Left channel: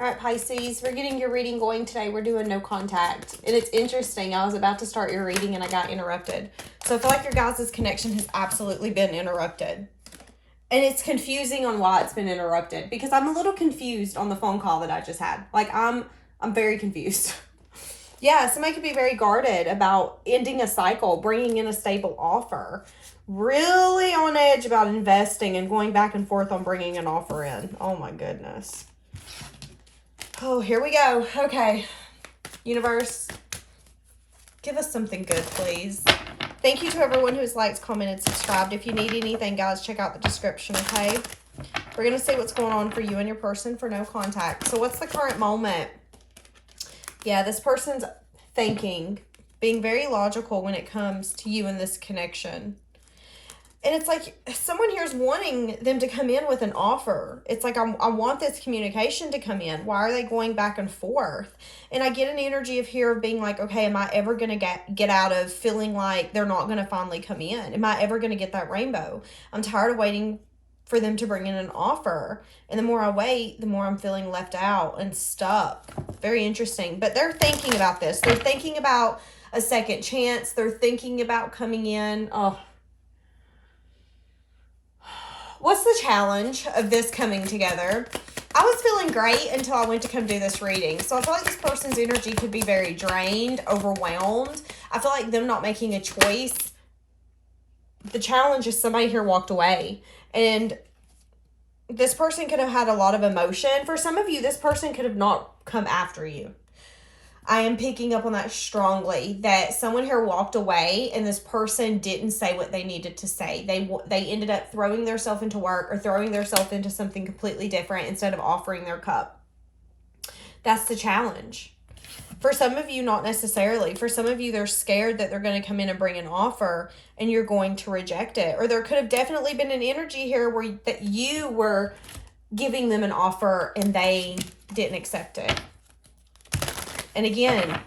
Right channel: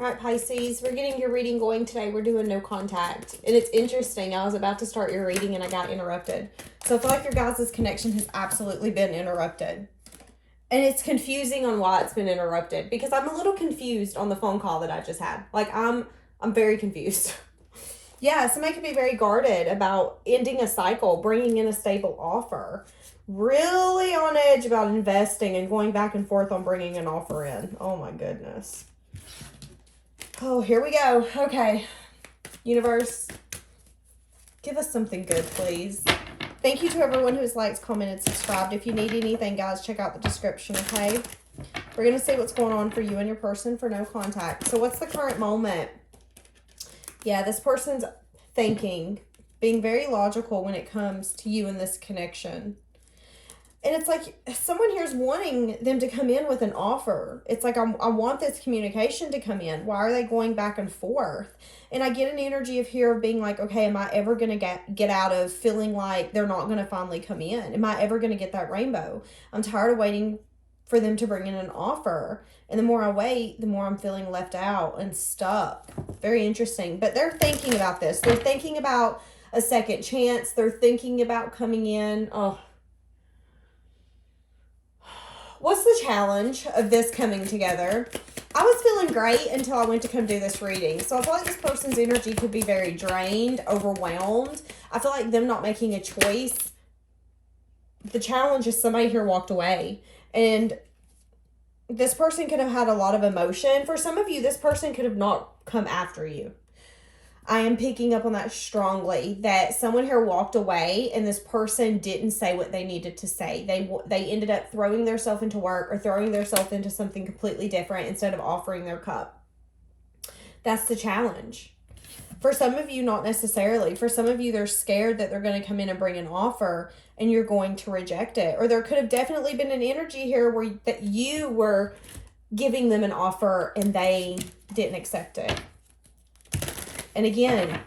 All right, Pisces, we're getting your reading going today. We're doing no contact. And it's interesting. I was about to start your reading and I got interrupted. So I feel like your guys' connection has absolutely been interrupted. And it's confusing on why it's been interrupted. Because I'm a little confused on the phone call that I just had. Like, I'm very confused. Yeah, somebody could be very guarded about ending a cycle, bringing in a stable offer. Really on edge about investing and going back and forth on bringing an offer in. Oh, my goodness. Oh, here we go. Okay. Universe, give us something good, please. Thank you to everyone who's liked, commented, subscribed. If you need anything, guys, check out the description, okay? We're going to see what's going on for you and your person for no contact. So what's the current moment? Yeah, this person's thinking, being very logical when it comes to you and this connection. And it's like someone here is wanting them to come in with an offer. It's like, I want this communication to come in. Why are they going back and forth? And I get an energy of here of being like, okay, am I ever going to get out of feeling like they're not going to finally come in? Am I ever going to get that rainbow? I'm tired of waiting for them to bring in an offer. And the more I wait, the more I'm feeling left out and stuck. Very interesting. But they're thinking about this. They're thinking about a second chance. They're thinking about coming in. Oh, what's the challenge of this coming together? I was feeling great until I went to come do this reading. So I feel like this person's energy could be very drained, overwhelmed. I feel like them not making a choice. The challenge is somebody here walked away. And this person could have had a lot of emotion. For some of you, this person could have not come after you. I am picking up on that strongly, that someone here walked away and this person didn't say what they needed to say. They ended up throwing themselves into work or throwing themselves into something completely different instead of offering their cup. That's the challenge. For some of you, not necessarily. For some of you, they're scared that they're going to come in and bring an offer and you're going to reject it. Or there could have definitely been an energy here where that you were giving them an offer and they didn't accept it. And again,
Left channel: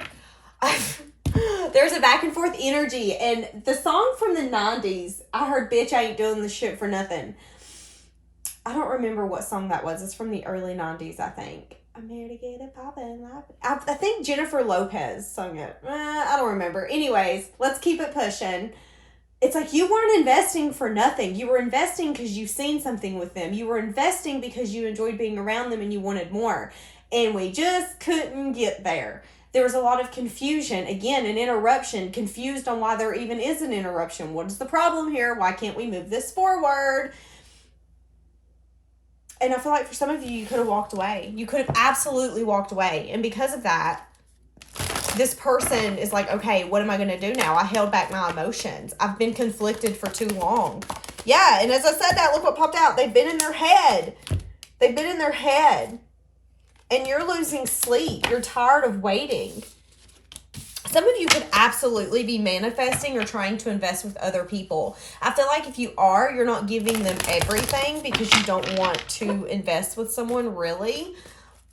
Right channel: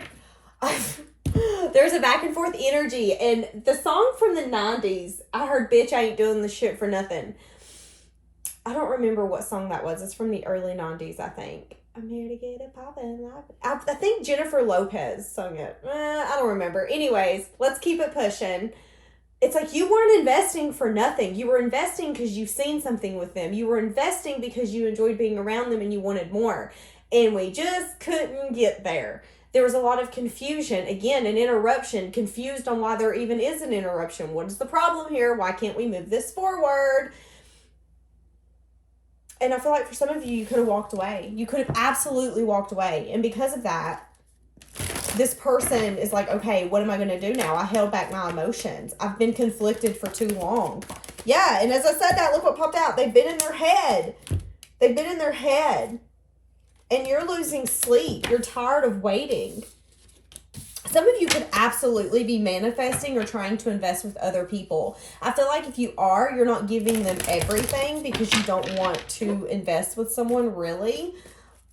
there's a back and forth energy. And the song from the 90s, I heard Bitch I Ain't Doing This Shit for Nothing. I don't remember what song that was. It's from the early 90s, I think. I'm here to get it poppin'. I think Jennifer Lopez sung it. I don't remember. Anyways, let's keep it pushing. It's like you weren't investing for nothing. You were investing because you've seen something with them. You were investing because you enjoyed being around them and you wanted more. And we just couldn't get there. There was a lot of confusion. Again, an interruption. Confused on why there even is an interruption. What is the problem here? Why can't we move this forward? And I feel like for some of you, you could have walked away. You could have absolutely walked away. And because of that, this person is like, okay, what am I going to do now? I held back my emotions. I've been conflicted for too long. Yeah, and as I said that, look what popped out. They've been in their head. They've been in their head. And you're losing sleep. You're tired of waiting. Some of you could absolutely be manifesting or trying to invest with other people. I feel like if you are, you're not giving them everything because you don't want to invest with someone really.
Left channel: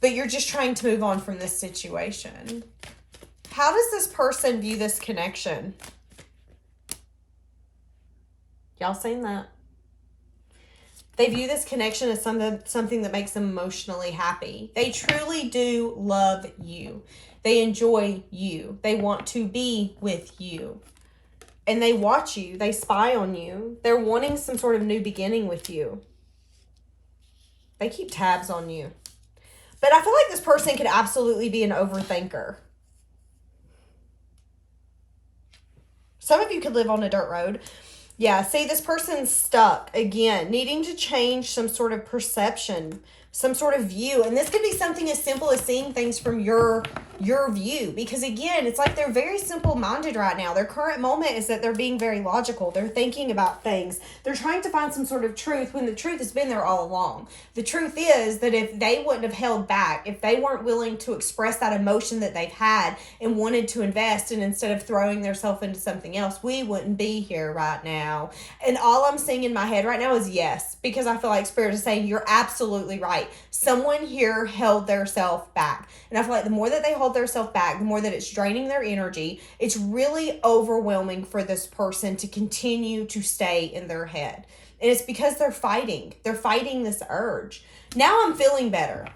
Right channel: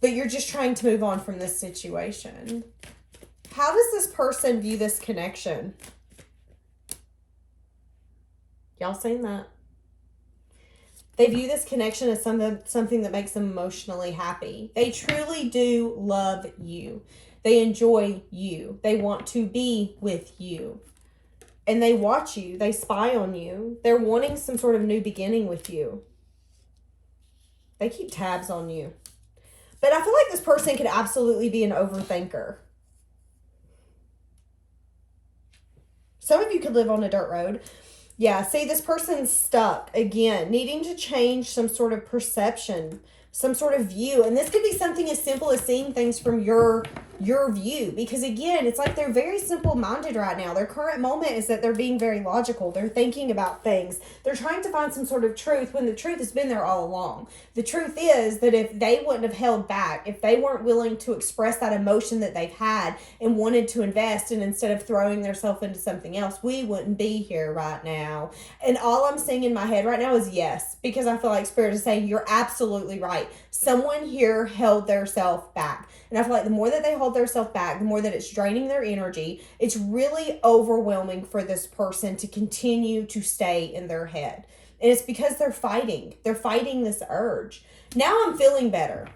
But you're just trying to move on from this situation. How does this person view this connection? Y'all seen that? They view this connection as something that makes them emotionally happy. They truly do love you. They enjoy you. They want to be with you. And they watch you. They spy on you. They're wanting some sort of new beginning with you. They keep tabs on you. But I feel like this person could absolutely be an overthinker. Some of you could live on a dirt road. Yeah, see, this person's stuck, again, needing to change some sort of perception, some sort of view. And this could be something as simple as seeing things from your view. Because, again, it's like they're very simple-minded right now. Their current moment is that they're being very logical. They're thinking about things. They're trying to find some sort of truth when the truth has been there all along. The truth is that if they wouldn't have held back, if they weren't willing to express that emotion that they've had and wanted to invest, and instead of throwing themselves into something else, we wouldn't be here right now. And all I'm seeing in my head right now is yes, because I feel like Spirit is saying you're absolutely right. Someone here held their self back. And I feel like the more that they hold their self back, the more that it's draining their energy. It's really overwhelming for this person to continue to stay in their head. And it's because they're fighting. They're fighting this urge. Now I'm feeling better.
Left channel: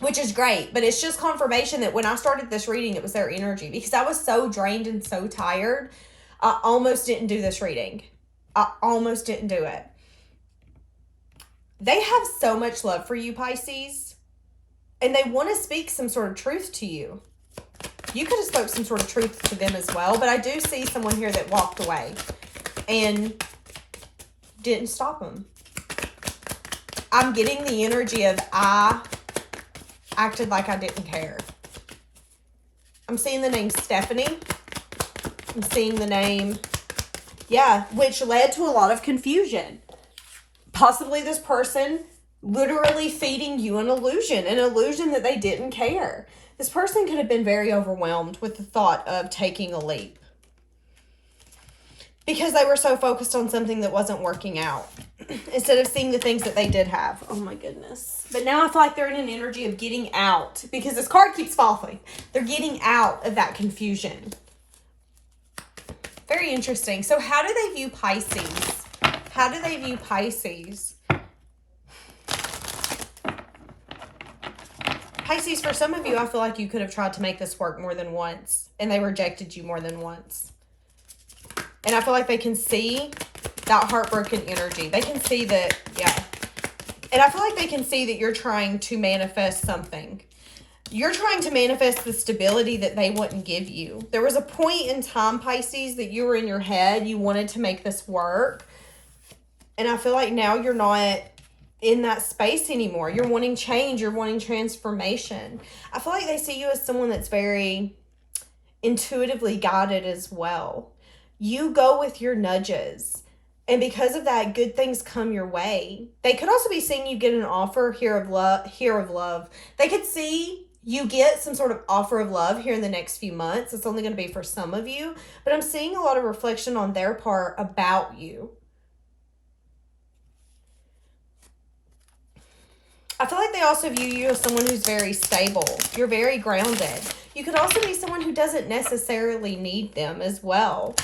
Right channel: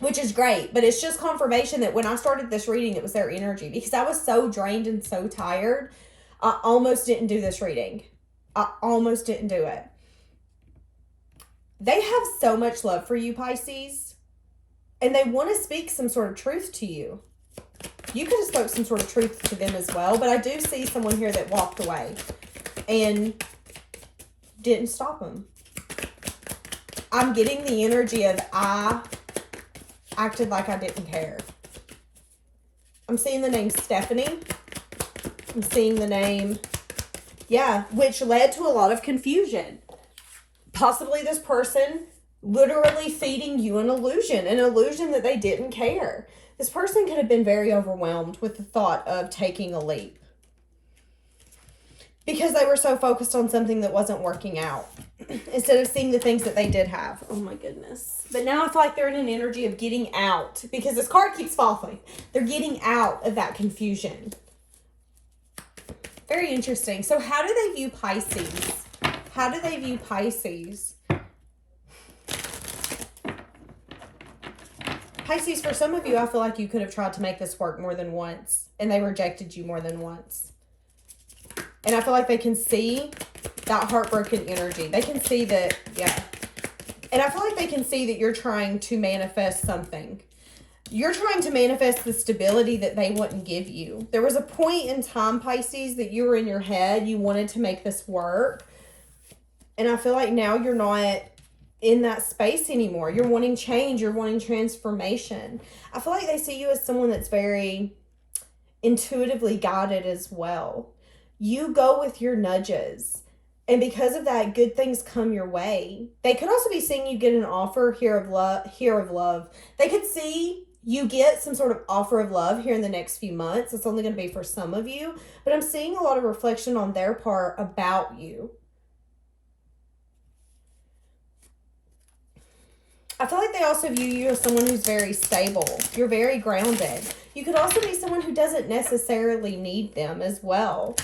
which is great. But it's just confirmation that when I started this reading, it was their energy, because I was so drained and so tired. I almost didn't do this reading. I almost didn't do it. They have so much love for you, Pisces, and they want to speak some sort of truth to you. You could have spoke some sort of truth to them as well, but I do see someone here that walked away and didn't stop them. I'm getting the energy of I acted like I didn't care. I'm seeing the name Stephanie. I'm seeing the name, which led to a lot of confusion. Possibly this person literally feeding you an illusion that they didn't care. This person could have been very overwhelmed with the thought of taking a leap, because they were so focused on something that wasn't working out instead of seeing the things that they did have. Oh my goodness. But now I feel like they're in an energy of getting out, because this card keeps falling. They're getting out of that confusion. Very interesting. So how do they view Pisces? How do they view Pisces? Pisces, for some of you, I feel like you could have tried to make this work more than once, and they rejected you more than once. And I feel like they can see that heartbroken energy. They can see that, And I feel like they can see that you're trying to manifest something. You're trying to manifest the stability that they wouldn't give you. There was a point in time, Pisces, that you were in your head. You wanted to make this work. And I feel like now you're not in that space anymore. You're wanting change. You're wanting transformation. I feel like they see you as someone that's very intuitively guided as well. You go with your nudges. And because of that, good things come your way. They could also be seeing you get an offer here of love. They could see you get some sort of offer of love here in the next few months. It's only going to be for some of you. But I'm seeing a lot of reflection on their part about you. I feel like they also view you as someone who's very stable. You're very grounded. You could also be someone who doesn't necessarily need them as well.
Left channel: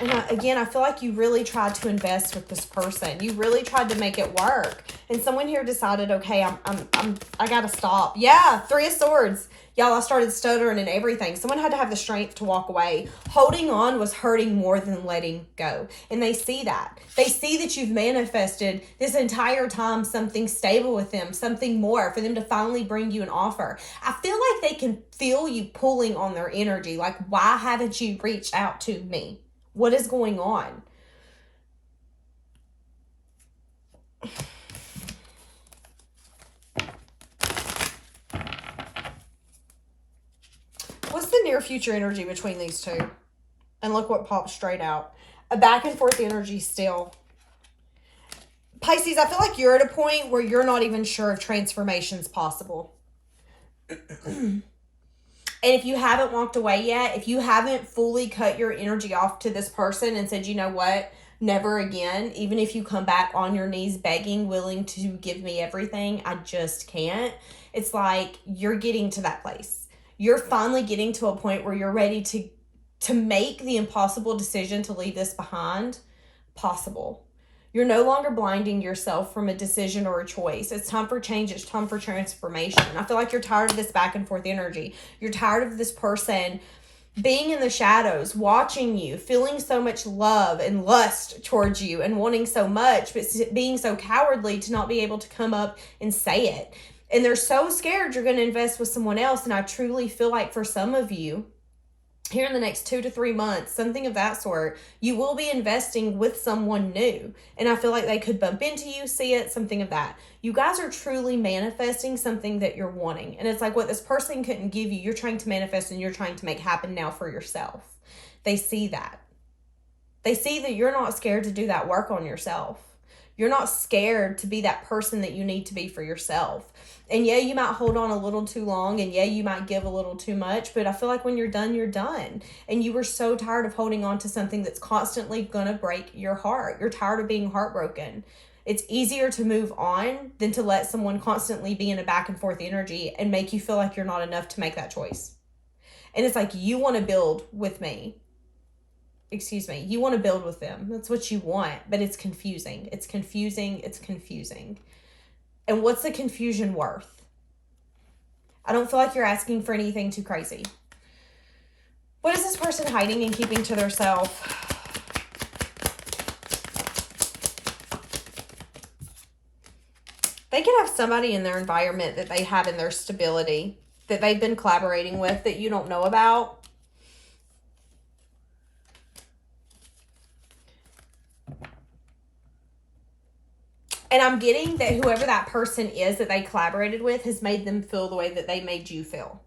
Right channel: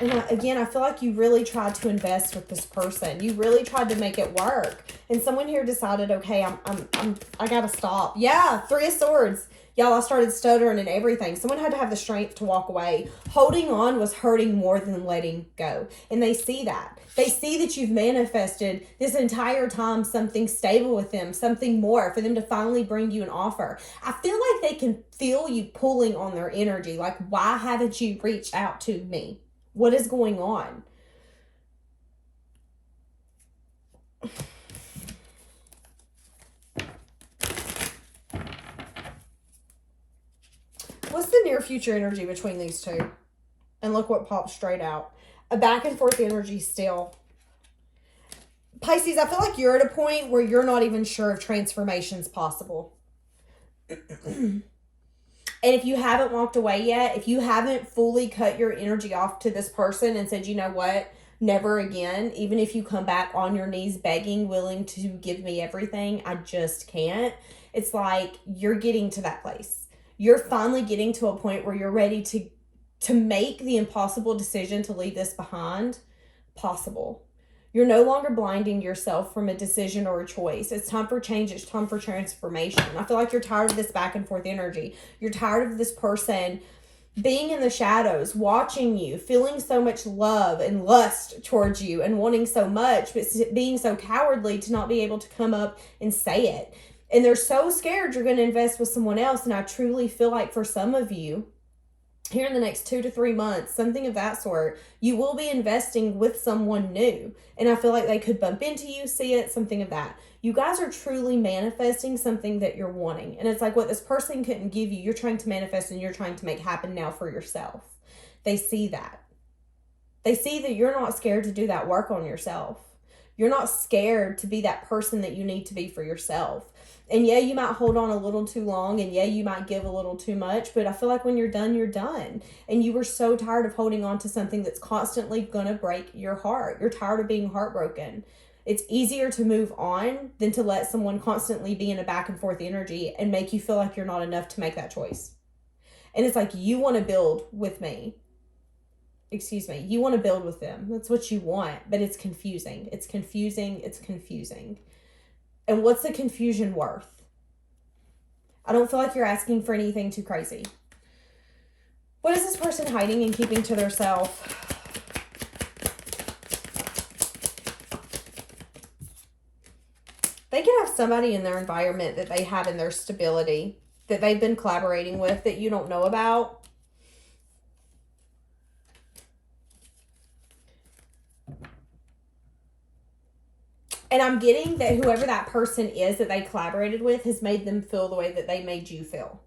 And I feel like you really tried to invest with this person. You really tried to make it work. And someone here decided, okay, I gotta stop. Yeah, 3 of Swords. Y'all, I started stuttering and everything. Someone had to have the strength to walk away. Holding on was hurting more than letting go. And they see that. They see that you've manifested this entire time something stable with them, something more, for them to finally bring you an offer. I feel like they can feel you pulling on their energy. Like, why haven't you reached out to me? What is going on? What's the near future energy between these two? And look what pops straight out. A back and forth energy still. Pisces, I feel like you're at a point where you're not even sure if transformation's possible. And if you haven't walked away yet, if you haven't fully cut your energy off to this person and said, you know what, never again, even if you come back on your knees begging, willing to give me everything, I just can't. It's like you're getting to that place. You're finally getting to a point where you're ready to make the impossible decision to leave this behind possible. You're no longer blinding yourself from a decision or a choice. It's time for change. It's time for transformation. I feel like you're tired of this back and forth energy. You're tired of this person being in the shadows, watching you, feeling so much love and lust towards you and wanting so much, but being so cowardly to not be able to come up and say it. And they're so scared you're going to invest with someone else. And I truly feel like for some of you, here in the next 2 to 3 months, something of that sort, you will be investing with someone new. And I feel like they could bump into you, see it, something of that. You guys are truly manifesting something that you're wanting. And it's like what this person couldn't give you, you're trying to manifest and you're trying to make happen now for yourself. They see that. They see that you're not scared to do that work on yourself. You're not scared to be that person that you need to be for yourself. And yeah, you might hold on a little too long, and yeah, you might give a little too much, but I feel like when you're done, you're done. And you were so tired of holding on to something that's constantly going to break your heart. You're tired of being heartbroken. It's easier to move on than to let someone constantly be in a back and forth energy and make you feel like you're not enough to make that choice. And it's like, you want to build with me. You want to build with them. That's what you want, but it's confusing. It's confusing. And what's the confusion worth? I don't feel like you're asking for anything too crazy. What is this person hiding and keeping to themselves? They could have somebody in their environment that they have in their stability that they've been collaborating with that you don't know about. And I'm getting that whoever that person is that they collaborated with has made them feel the way that they made you feel.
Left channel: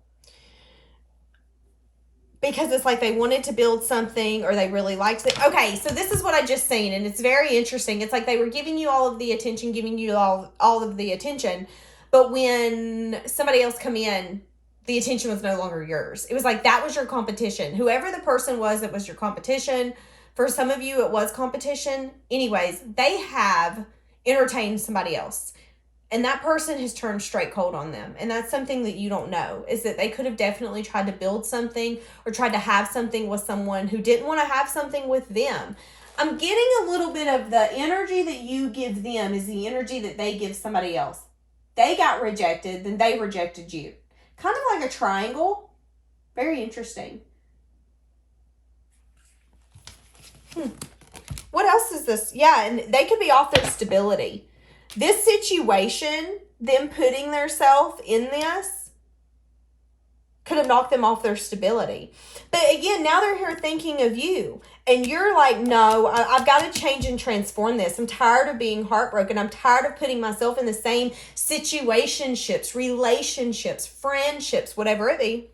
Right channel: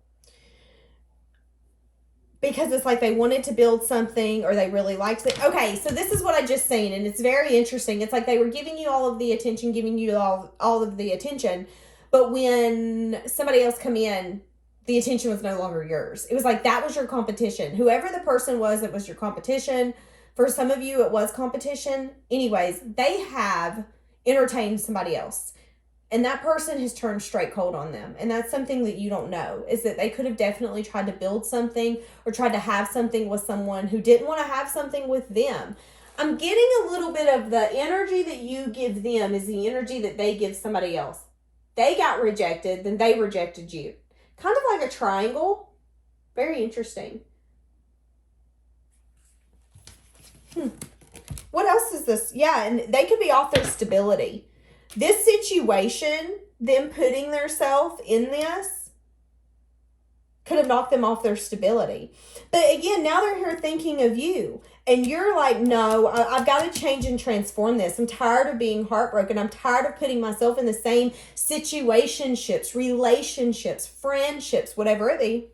Because it's like they wanted to build something or they really liked it. Okay, so this is what I just seen, and it's very interesting. It's like they were giving you all of the attention, giving you all of the attention. But when somebody else come in, the attention was no longer yours. It was like that was your competition. Whoever the person was that was your competition. For some of you, it was competition. Anyways, they have entertained somebody else. And that person has turned straight cold on them. And that's something that you don't know, is that they could have definitely tried to build something or tried to have something with someone who didn't want to have something with them. I'm getting a little bit of the energy that you give them is the energy that they give somebody else. They got rejected, then they rejected you. Kind of like a triangle. Very interesting. What else is this? Yeah, and they could be off their stability. This situation, them putting themselves in this, could have knocked them off their stability. But again, now they're here thinking of you. And you're like, no, I've got to change and transform this. I'm tired of being heartbroken. I'm tired of putting myself in the same situationships, relationships, friendships, whatever it be,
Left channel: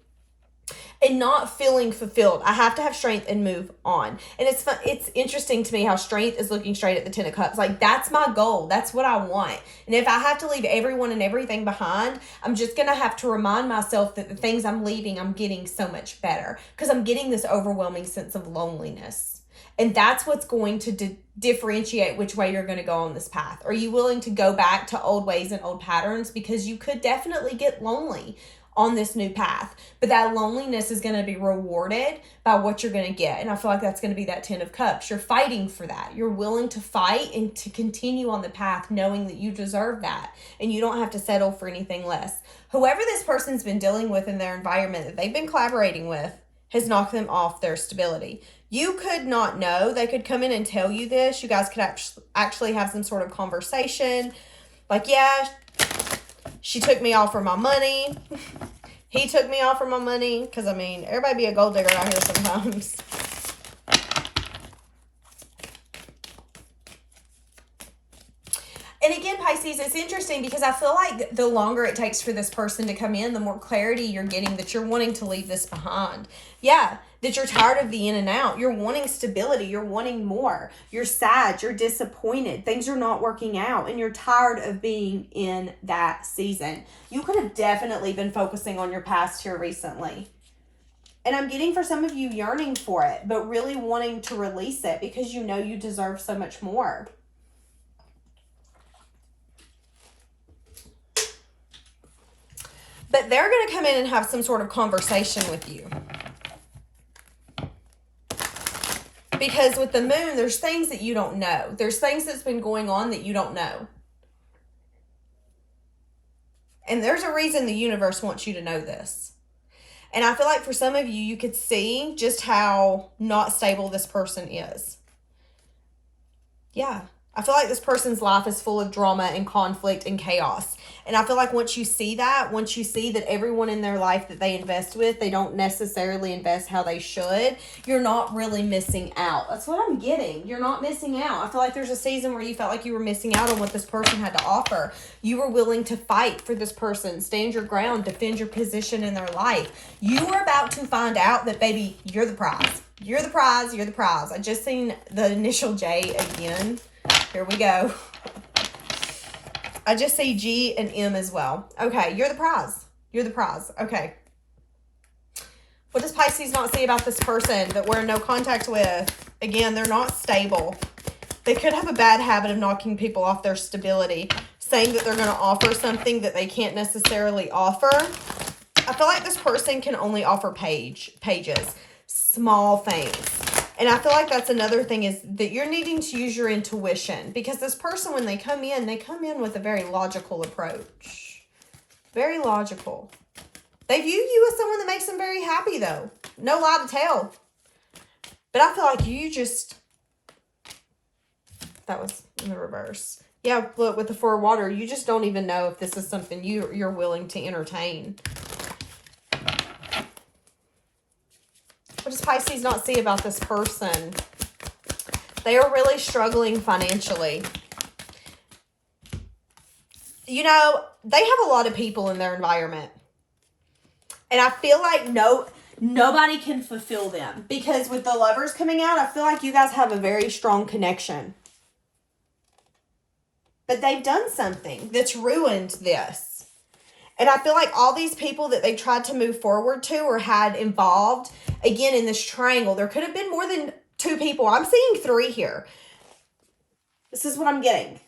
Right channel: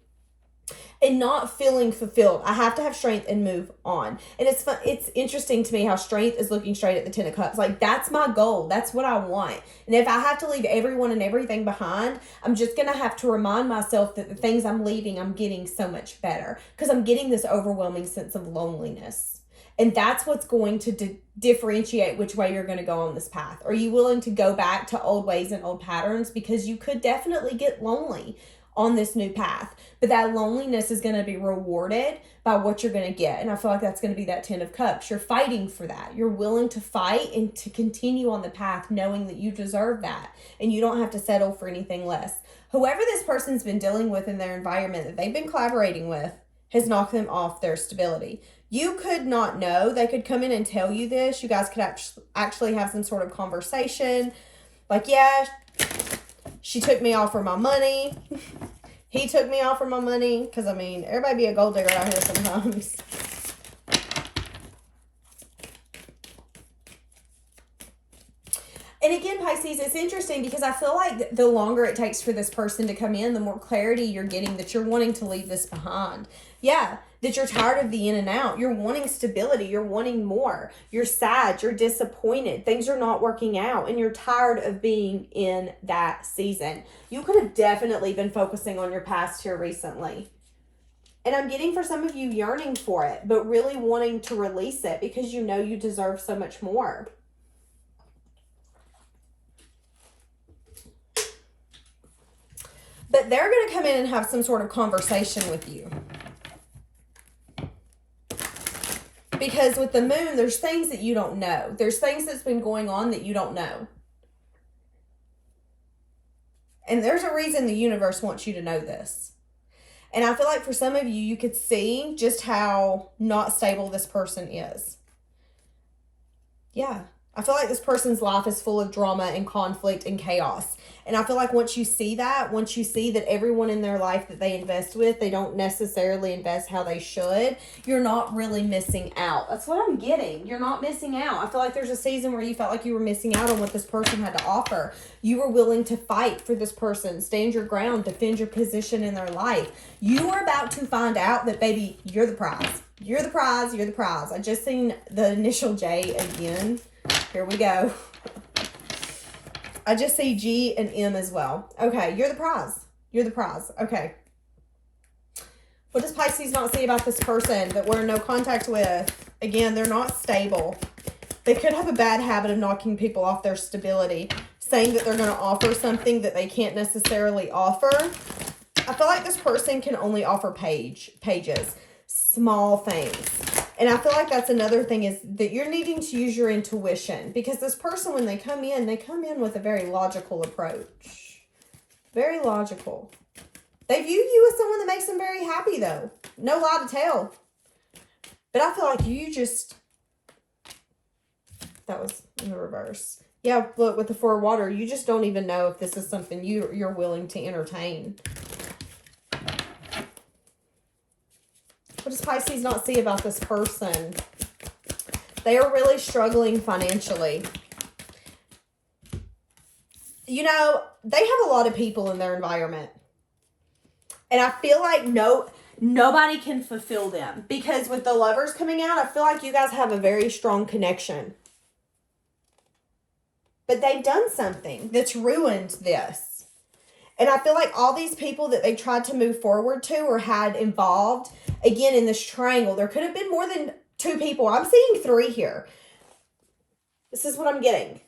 and not feeling fulfilled. I have to have strength and move on. And it's fun. It's interesting to me how strength is looking straight at the 10 of Cups. Like, that's my goal. That's what I want. And if I have to leave everyone and everything behind, I'm just going to have to remind myself that the things I'm leaving, I'm getting so much better. Because I'm getting this overwhelming sense of loneliness. And that's what's going to differentiate which way you're going to go on this path. Are you willing to go back to old ways and old patterns? Because you could definitely get lonely on this new path, but that loneliness is going to be rewarded by what you're going to get. And I feel like that's going to be that 10 of Cups. You're fighting for that. You're willing to fight and to continue on the path knowing that you deserve that and you don't have to settle for anything less. Whoever this person's been dealing with in their environment that they've been collaborating with has knocked them off their stability. You could not know. They could come in and tell you this. You guys could actually have some sort of conversation. Like, yeah, she took me off for my money. He took me off for my money. Because, I mean, everybody be a gold digger out here sometimes. And again, Pisces, it's interesting because I feel like the longer it takes for this person to come in, the more clarity you're getting that you're wanting to leave this behind. Yeah, that you're tired of the in and out. You're wanting stability. You're wanting more. You're sad. You're disappointed. Things are not working out. And you're tired of being in that season. You could have definitely been focusing on your past here recently. And I'm getting for some of you yearning for it, but really wanting to release it because you know you deserve so much more. But they're going to come in and have some sort of conversation with you. Because with the moon, there's things that you don't know. There's things that's been going on that you don't know. And there's a reason the universe wants you to know this. And I feel like for some of you, you could see just how not stable this person is. Yeah. I feel like this person's life is full of drama and conflict and chaos. And I feel like once you see that, once you see that everyone in their life that they invest with, they don't necessarily invest how they should, you're not really missing out. That's what I'm getting. You're not missing out. I feel like there's a season where you felt like you were missing out on what this person had to offer. You were willing to fight for this person, stand your ground, defend your position in their life. You are about to find out that, baby, you're the prize. You're the prize. You're the prize. I just seen the initial J again. Here we go. I just see G and M as well. Okay, you're the prize. You're the prize. Okay. What does Pisces not see about this person that we're in no contact with? Again, they're not stable. They could have a bad habit of knocking people off their stability, saying that they're going to offer something that they can't necessarily offer. I feel like this person can only offer pages, small things. And I feel like that's another thing is that you're needing to use your intuition because this person, when they come in with a very logical approach. Very logical. They view you as someone that makes them very happy, though. No lie to tell. But I feel like you just... That was in the reverse. Yeah, look, with the Four of Water, you just don't even know if this is something you're willing to entertain. What does Pisces not see about this person? They are really struggling financially. You know, they have a lot of people in their environment. And I feel like nobody can fulfill them. Because with the Lovers coming out, I feel like you guys have a very strong connection. But they've done something that's ruined this. And I feel like all these people that they tried to move forward to or had involved, again, in this triangle, there could have been more than 2 people. I'm seeing 3 here. This is what I'm getting.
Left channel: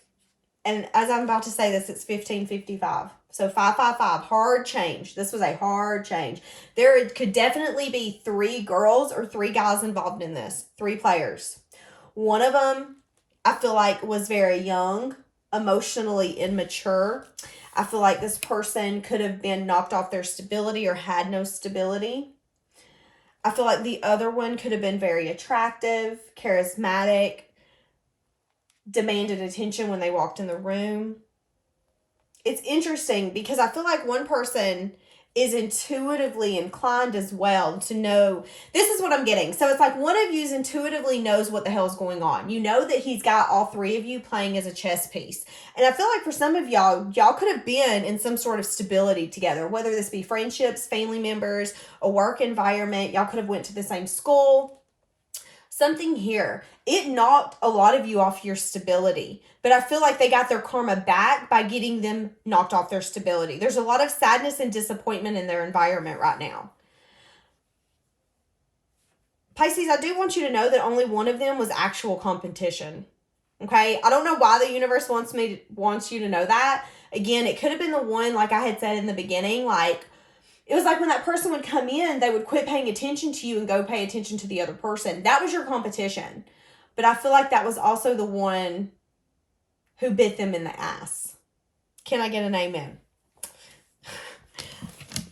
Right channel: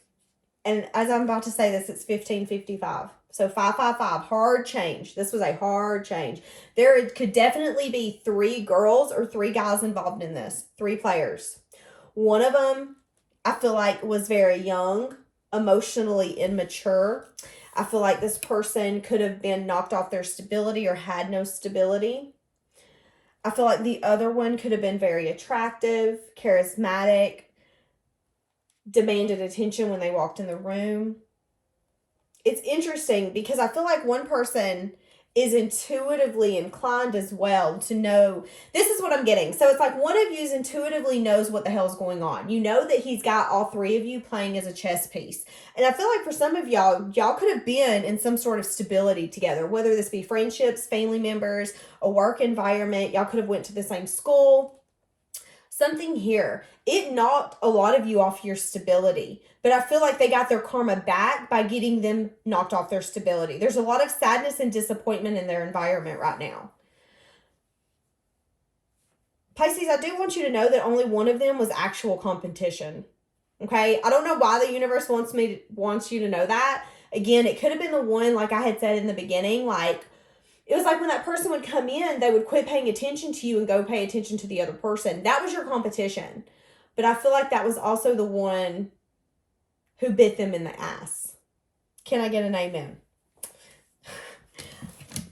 And as I'm about to say this, it's 1555. So 555, hard change. This was a hard change. There could definitely be 3 girls or 3 guys involved in this. 3 players. One of them, I feel like, was very young, emotionally immature. I feel like this person could have been knocked off their stability or had no stability. I feel like the other one could have been very attractive, charismatic, demanded attention when they walked in the room. It's interesting because I feel like one person is intuitively inclined as well to know. This is what I'm getting. So it's like one of you intuitively knows what the hell's going on. You know that he's got all 3 of you playing as a chess piece. And I feel like for some of y'all could have been in some sort of stability together, whether this be friendships, family members, a work environment. Y'all could have went to the same school. Something here. It knocked a lot of you off your stability. But I feel like they got their karma back by getting them knocked off their stability. There's a lot of sadness and disappointment in their environment right now. Pisces, I do want you to know that only one of them was actual competition. Okay? I don't know why the universe wants you to know that. Again, it could have been the one, like I had said in the beginning, like, it was like when that person would come in, they would quit paying attention to you and go pay attention to the other person. That was your competition. But I feel like that was also the one who bit them in the ass. Can I get an amen?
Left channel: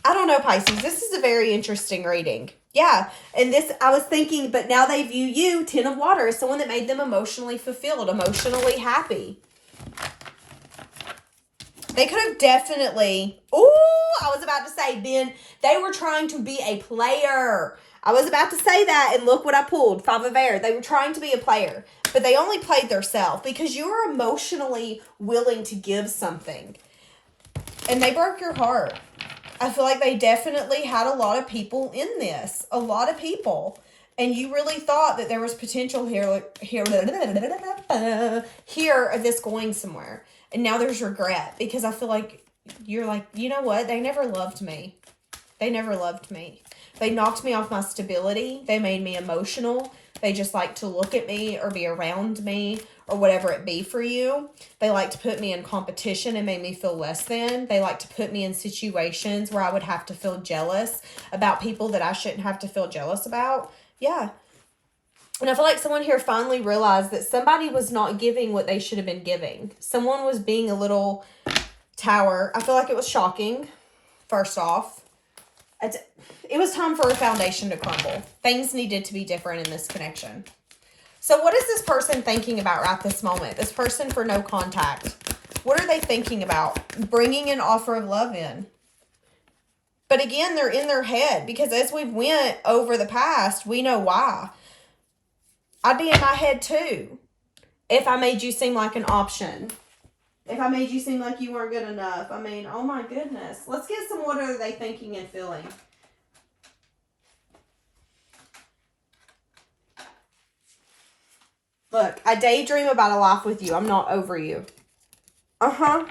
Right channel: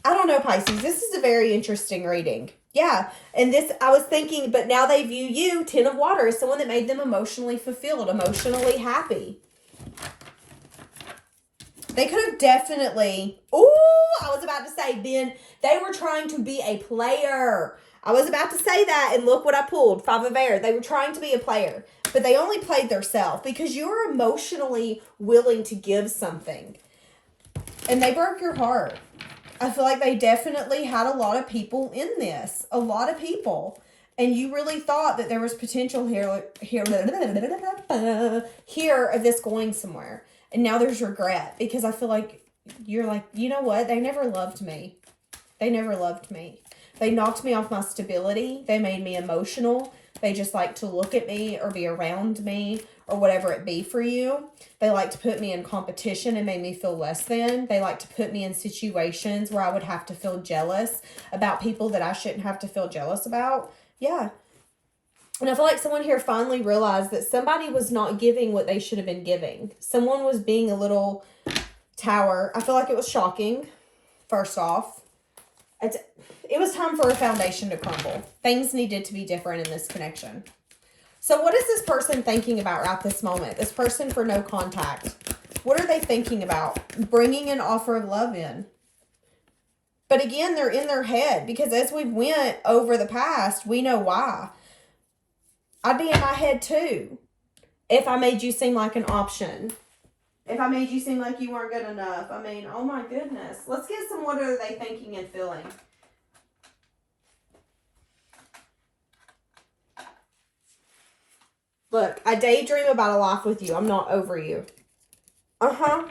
I don't know, Pisces. This is a very interesting reading. Yeah. And this, I was thinking, but now they view you, 10 of Water, as someone that made them emotionally fulfilled, emotionally happy. They could have definitely, I was about to say, they were trying to be a player. I was about to say that, and look what I pulled, 5 of Air. They were trying to be a player, but they only played theirself because you were emotionally willing to give something. And they broke your heart. I feel like they definitely had a lot of people in this. A lot of people. And you really thought that there was potential here of this going somewhere. And now there's regret because I feel like you're like, you know what? They never loved me. They never loved me. They knocked me off my stability. They made me emotional. They just like to look at me or be around me or whatever it be for you. They like to put me in competition and make me feel less than. They like to put me in situations where I would have to feel jealous about people that I shouldn't have to feel jealous about. Yeah. And I feel like someone here finally realized that somebody was not giving what they should have been giving. Someone was being a little tower. I feel like it was shocking, first off. It was time for a foundation to crumble. Things needed to be different in this connection. So what is this person thinking about right this moment? This person for no contact. What are they thinking about? Bringing an offer of love in. But again, they're in their head because as we went over the past, we know why. I'd be in my head too if I made you seem like an option. If I made you seem like you weren't good enough. I mean, oh my goodness. Let's get some, what are they thinking and feeling? Look, I daydream about a life with you. I'm not over you. And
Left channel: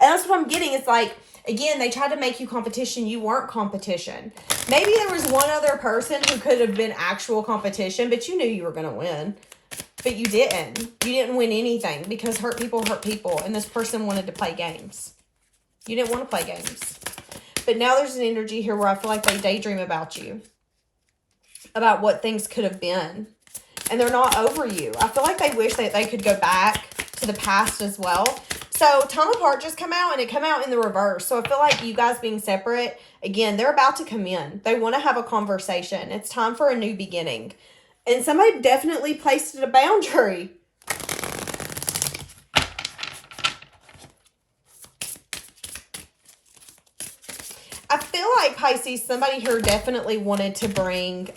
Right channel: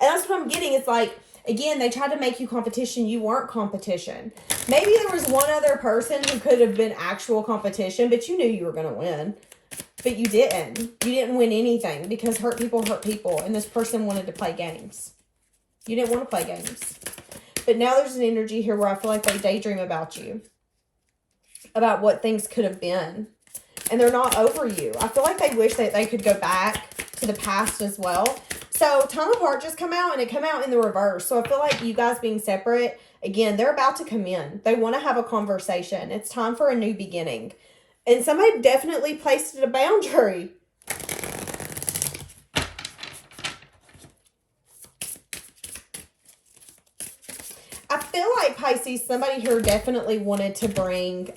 that's what I'm getting. It's like, again, they tried to make you competition. You weren't competition. Maybe there was one other person who could have been actual competition, but you knew you were going to win. But you didn't. You didn't win anything because hurt people, and this person wanted to play games. You didn't want to play games. But now there's an energy here where I feel like they daydream about you. About what things could have been. And they're not over you. I feel like they wish that they could go back to the past as well. So time apart just come out, and it come out in the reverse. So I feel like you guys being separate, again, they're about to come in. They want to have a conversation. It's time for a new beginning. And somebody definitely placed a boundary. I feel like, Pisces, somebody here definitely wanted to bring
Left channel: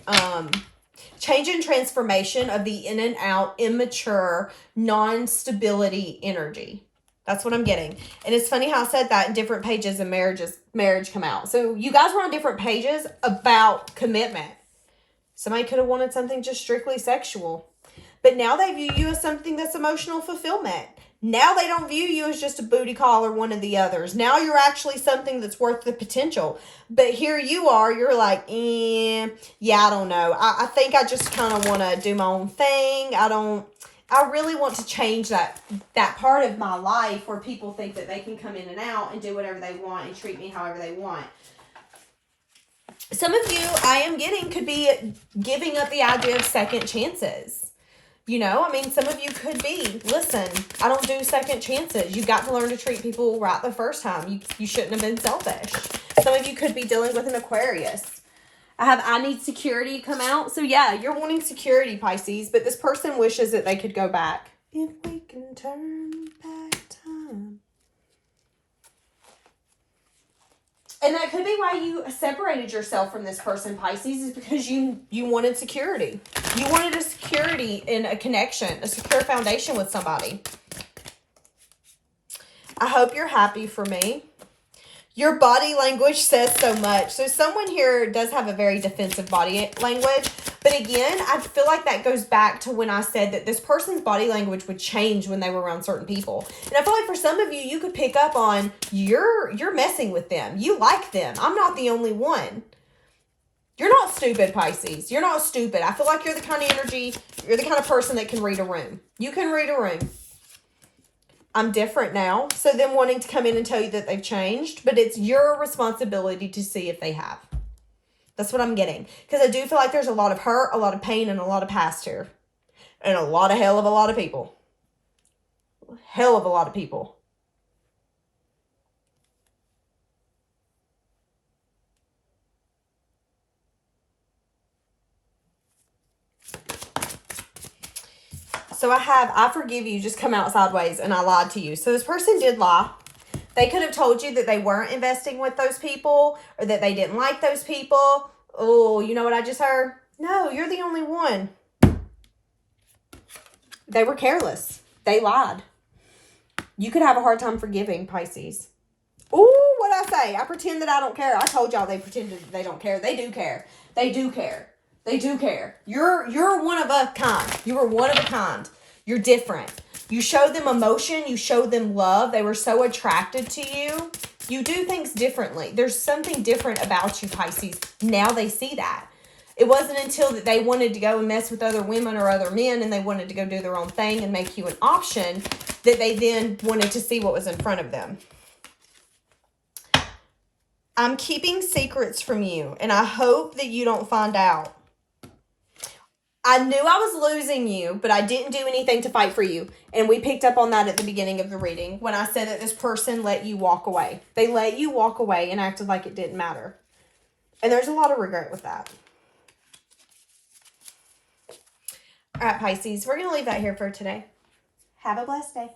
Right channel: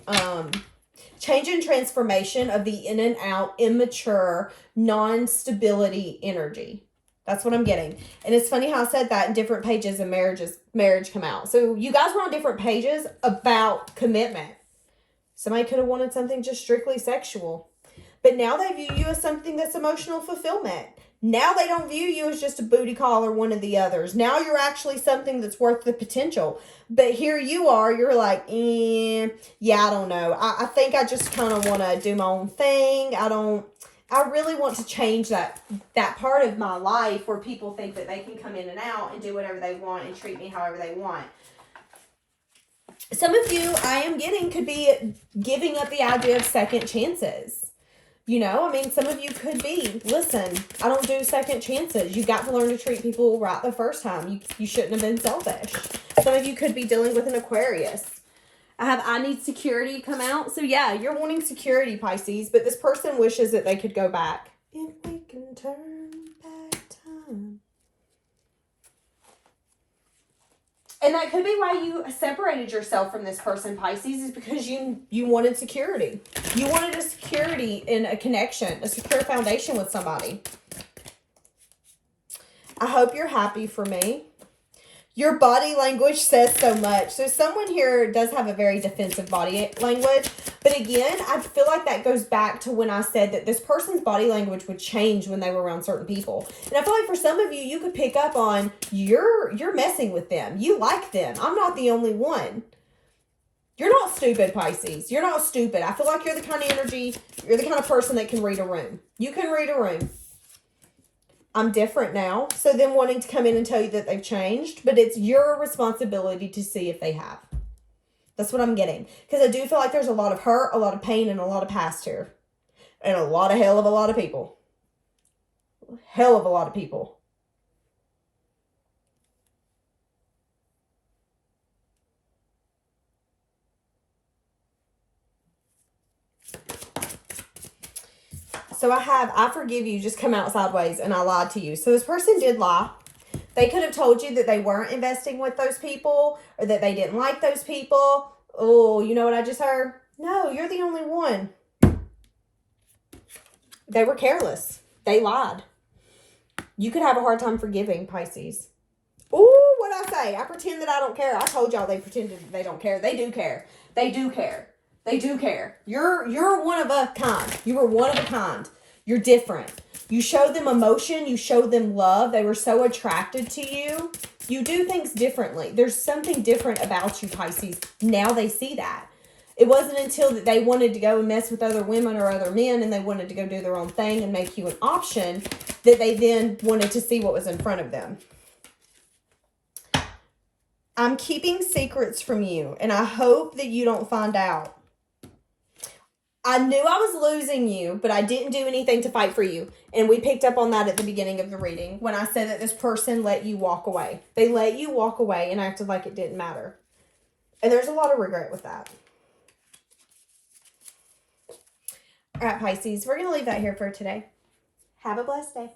change and transformation of the in and out, immature, non-stability energy. That's what I'm getting. And it's funny how I said that in different pages of marriage come out. So you guys were on different pages about commitment. Somebody could have wanted something just strictly sexual. But now they view you as something that's emotional fulfillment. Now they don't view you as just a booty call or one of the others. Now you're actually something that's worth the potential. But here you are, you're like, yeah, I don't know. I think I just kind of want to do my own thing. I really want to change that part of my life where people think that they can come in and out and do whatever they want and treat me however they want. Some of you, I am getting, could be giving up the idea of second chances. You know, I mean, some of you could be, listen, I don't do second chances. You got to learn to treat people right the first time. You shouldn't have been selfish. Some of you could be dealing with an Aquarius. I need security come out. So yeah, you're wanting security, Pisces, but this person wishes that they could go back. If we can turn back time. And that could be why you separated yourself from this person, Pisces, is because you wanted security. You wanted a security in a connection, a secure foundation with somebody. I hope you're happy for me. Your body language says so much. So someone here does have a very defensive body language. But again, I feel like that goes back to when I said that this person's body language would change when they were around certain people. And I feel like for some of you, you could pick up on you're messing with them. You like them. I'm not the only one. You're not stupid, Pisces. You're not stupid. I feel like you're the kind of energy, you're the kind of person that can read a room. You can read a room. I'm different now. So them wanting to come in and tell you that they've changed, but it's your responsibility to see if they have. That's what I'm getting. Because I do feel like there's a lot of hurt, a lot of pain, and a lot of past here. And a lot of hell of a lot of people. Hell of a lot of people. So I forgive you, just come out sideways, and I lied to you. So this person did lie. They could have told you that they weren't investing with those people or that they didn't like those people. Oh, you know what I just heard? No, you're the only one. They were careless. They lied. You could have a hard time forgiving, Pisces. Ooh, what'd I say? I pretend that I don't care. I told y'all they pretended that they don't care. They do care. They do care. They do care. You're one of a kind. You were one of a kind. You're different. You showed them emotion. You showed them love. They were so attracted to you. You do things differently. There's something different about you, Pisces. Now they see that. It wasn't until that they wanted to go and mess with other women or other men and they wanted to go do their own thing and make you an option that they then wanted to see what was in front of them. I'm keeping secrets from you, and I hope that you don't find out. I knew I was losing you, but I didn't do anything to fight for you. And we picked up on that at the beginning of the reading when I said that this person let you walk away. They let you walk away and acted like it didn't matter. And there's a lot of regret with that. All right, Pisces, we're going to leave that here for today. Have a blessed day.